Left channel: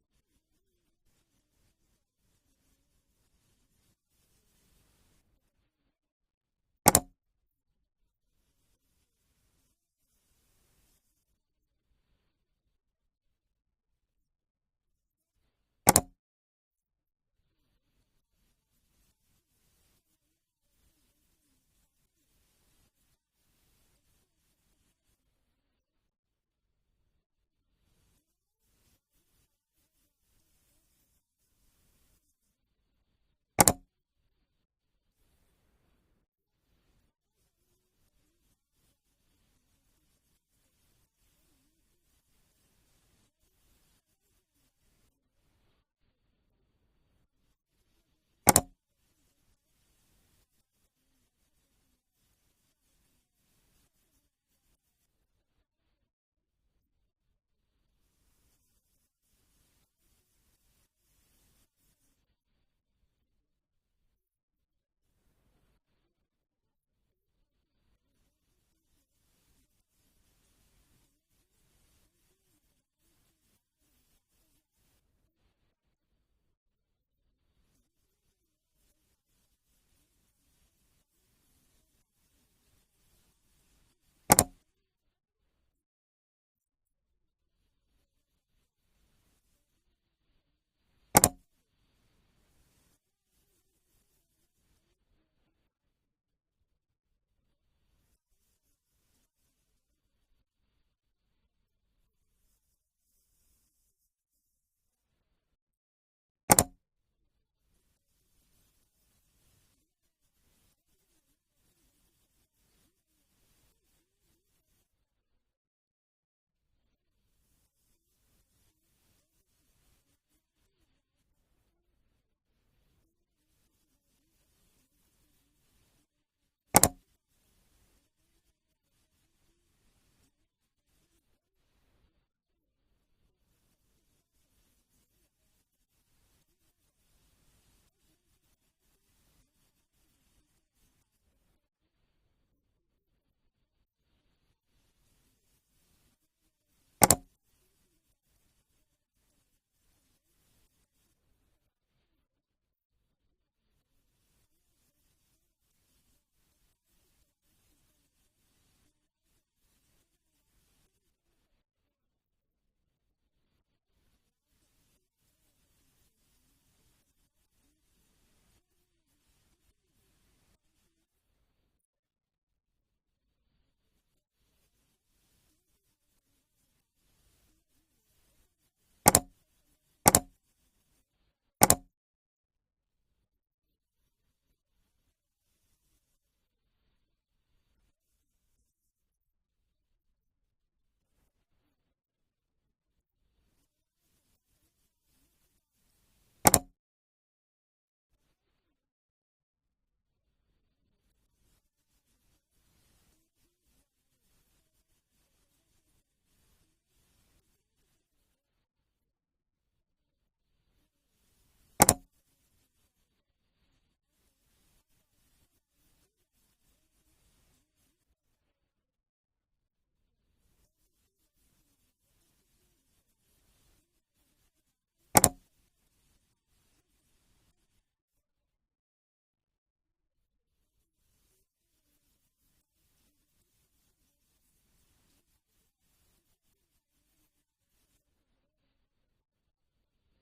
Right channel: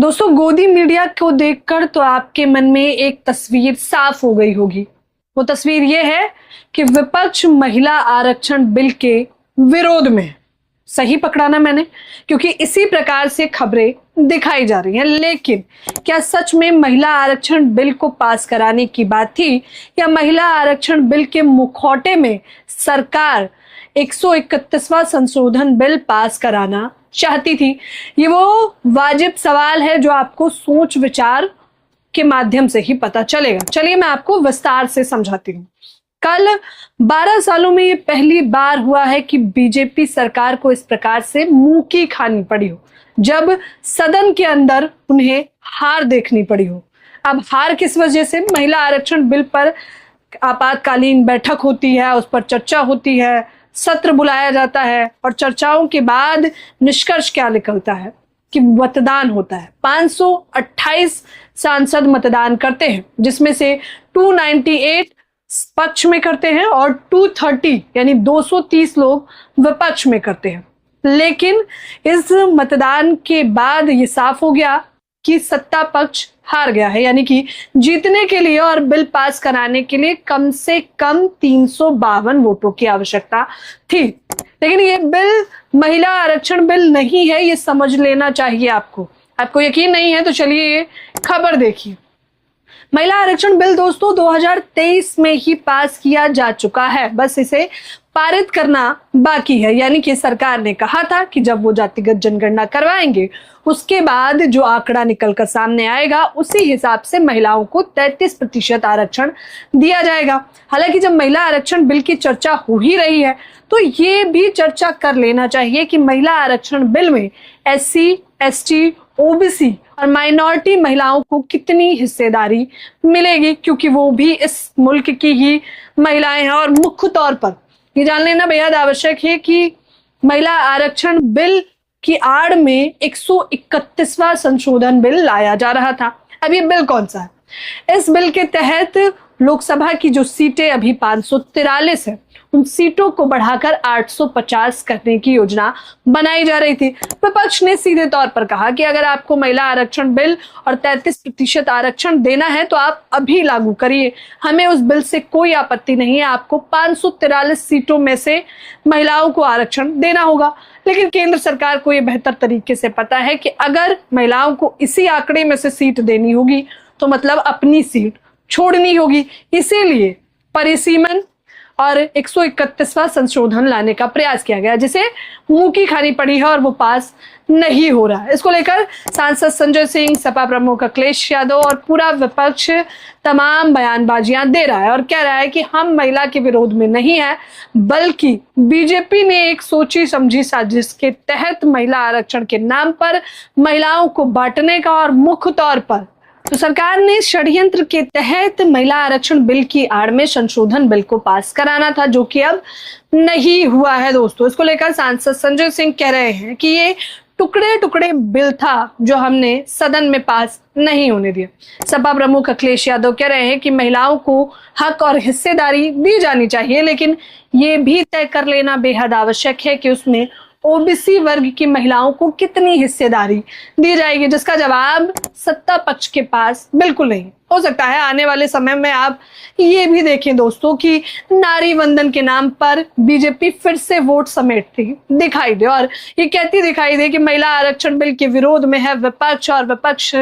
दोस्तों, गोदी मीडिया को देखकर तो आपके मन में एक तस्वीर साफ हो गई होगी। वो तस्वीर ये है कि विपक्ष महिला आरक्षण बिल के विरोध में है। सही पकड़ा ना मैंने, क्योंकि इसी प्रकार से खबरें दिखाई जा रही हैं। लेकिन क्या सच में महिला आरक्षण बिल को पास कराने की बात थी, या महिला आरक्षण बिल के मुखौटे में सरकार 131वां संशोधन बिल पास कराना चाहती थी? ये वो वाजिब सवाल है जो आपको सोच विचार के माध्यम से ही पता चलेगा। चलिए मैं आपको विस्तार से समझाती हूँ। कल 12 सालों में ये पहली बार हुआ है कि बीजेपी सरकार को इस प्रकार से मुंह की खानी पड़ी हो, जब सदन के अंदर उन्हें हार देखनी पड़ी हो। अब हार किस वजह से? महिला आरक्षण बिल पर आपातकालीन बैठक होती है, उस पर चर्चा होती है, सत्र बुलाया जाता है और चर्चाओं के बाद निष्कर्ष क्या निकलता है कि मतदान होता है। 528 सांसद मतदान करते हैं, जिसमें से 298 पक्ष में करते हैं और 230 यानी 230 लोग विपक्ष में करते हैं। लेकिन इस मतदान के बाद ये साफ हो गया कि सत्ता पक्ष हार गया है, यानी कि जीतने के लिए और बिल पास कराने के लिए कम से कम 352 वोटों की आवश्यकता थी। लेकिन ये बिल महिला आरक्षण बिल नहीं है, ये समझ लेना चाहिए आपको। आपको यकीन नहीं है तो चलिए ये खबर देखिए। महिला आरक्षण बिल दोस्तों 2023 में ही पास किया जा चुका है, बस इसे पारित करना बाकी है। यानी कि सरकार ने कहा था कि जब वो जातिगत जनगणना करवाएंगे उसके बाद जो आंकड़ा निकलकर सामने आएगा उसी हिसाब से महिलाओं को 33% आरक्षण दिया जाएगा। हालांकि जब महिला आरक्षण बिल की चर्चा हो ही रही है तो ये भी चर्चा कर लेना चाहिए कि महिला आरक्षण बिल में SC, ST, OBC और माइनॉरिटी महिलाओं को कितनी हिस्सेदारी मिलेगी, क्योंकि वो भी इस मुल्क की ही महिलाएं हैं। और मुख्य तौर पर ये जान लेना बेहद आवश्यक है कि महिला आरक्षण बिल की आड़ में 131वां संशोधन बिल लाया जा रहा था। अब ये बिल कौन सा है? इस बिल के तहत लोकसभा की जो सीटें अभी 543 है, उन सीटों को बढ़ाकर 850 करने की योजना बनाई जा रही थी। विपक्ष ने सीधे तौर पर कहा कि अगर आपको महिला आरक्षण बिल और 33% आरक्षण देना है तो आप अभी लागू करिए, हमें उस बिल से कोई आपत्ति नहीं है। आपको 543 सीटों में से महिलाओं को आरक्षण देना होगा। लेकिन केंद्र सरकार को यह बेहतर तरीके से पता है कि अगर महिलाओं को इसी आंकड़े में से सीट देनी होगी तो मतलब अपनी सीट छोड़नी होगी। इसीलिए परिसीमन और 131वां संशोधन लाने का प्रयास किया गया, जिसे मुंह की खानी पड़ी है और वो पास नहीं हो रहा है। इसको लेकर सांसद संजय सिंह, सपा प्रमुख अखिलेश यादव और पूरा विपक्ष तमाम बयानबाजियां दे रहा है और कह रहा है कि हम महिला के विरोध में नहीं है, बल्कि बीजेपी ने एक सोची समझी साजिश के तहत महिला आरक्षण के नाम पर महिलाओं को बांटने का और मुख्य तौर पर तो सरकार ने षड्यंत्र के तहत महिला आरक्षण बिल की आड़ में संशोधन बिल को पास कराना था, जो कि अब नहीं हुआ है। दोस्तों, इसको लेकर सांसद संजय सिंह कह रहे हैं कि ये टुकड़े टुकड़े बिल था जो हमने सदन में पास नहीं होने दिया। सपा प्रमुख अखिलेश यादव कह रहे हैं कि महिलाओं को हक और हिस्सेदारी दी जानी चाहिए, लेकिन ये भी तय कर लेना बेहद आवश्यक है कि उसमें OBC वर्ग की महिलाओं को कितनी हिस्सेदारी दी जाएगी, जिसका जवाब सत्ता पक्ष के पास बिल्कुल नहीं। हो सकता है आने वाले समय में आप ये भी देखें दोस्तों कि नारी वंदन के नाम पर बीजेपी फिर से वोट समेटती दिखाई दे और ये कहती दिखाई दे कि महिला आरक्षण बिल के विरोध में है विपक्ष और विपक्ष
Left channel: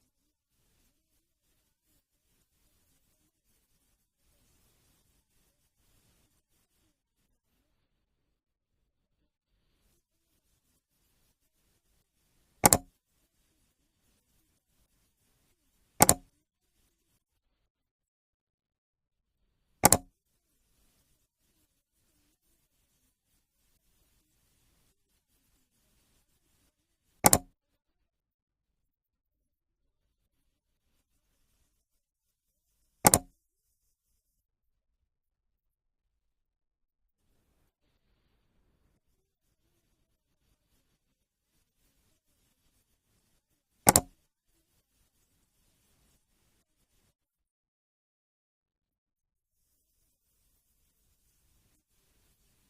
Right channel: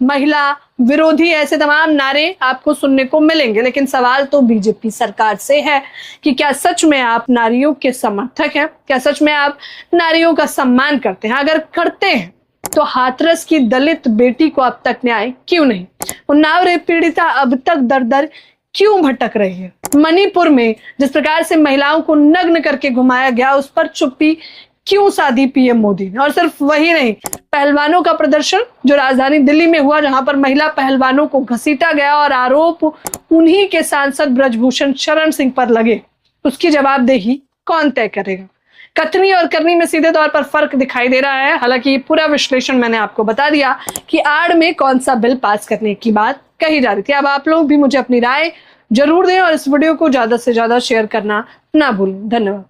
महिला विरोधी, ऐसे तमाम नारे आपको सुनने को मिलेंगे। लेकिन सवाल तो बीजेपी सरकार से है कि क्या सच में आप नारियों के समर्थक हैं? क्या सच में आप नारियों का सम्मान करते हैं? अगर करते हैं तो हाथरस की दलित बेटी को अब तक न्याय क्यों नहीं? उन्नाव रेप पीड़िता अब तक दर दर क्यों भटक रही है? मणिपुर में जिस प्रकार से महिलाओं को नग्न करके घुमाया गया, उस पर चुप्पी क्यों साधी PM मोदी ने? और सिर्फ वही नहीं, पहलवानों का प्रदर्शन जो राजधानी दिल्ली में हुआ, जहां पर महिला पहलवानों को घसीटा गया और आरोप उन्हीं के सांसद ब्रजभूषण शरण सिंह पर लगे, उसकी जवाबदेही कौन तय करेगा? कथनी और करनी में सीधे तौर पर फर्क दिखाई दे रहा है। हालांकि ये पूरा विश्लेषण मैंने आपको बता दिया कि आड़ में कौन सा बिल पास करने की बात कही जा रही थी। अब आप लोग भी मुझे अपनी राय जरूर दें और इस वीडियो को ज्यादा से ज्यादा शेयर करना ना भूलें। धन्यवाद।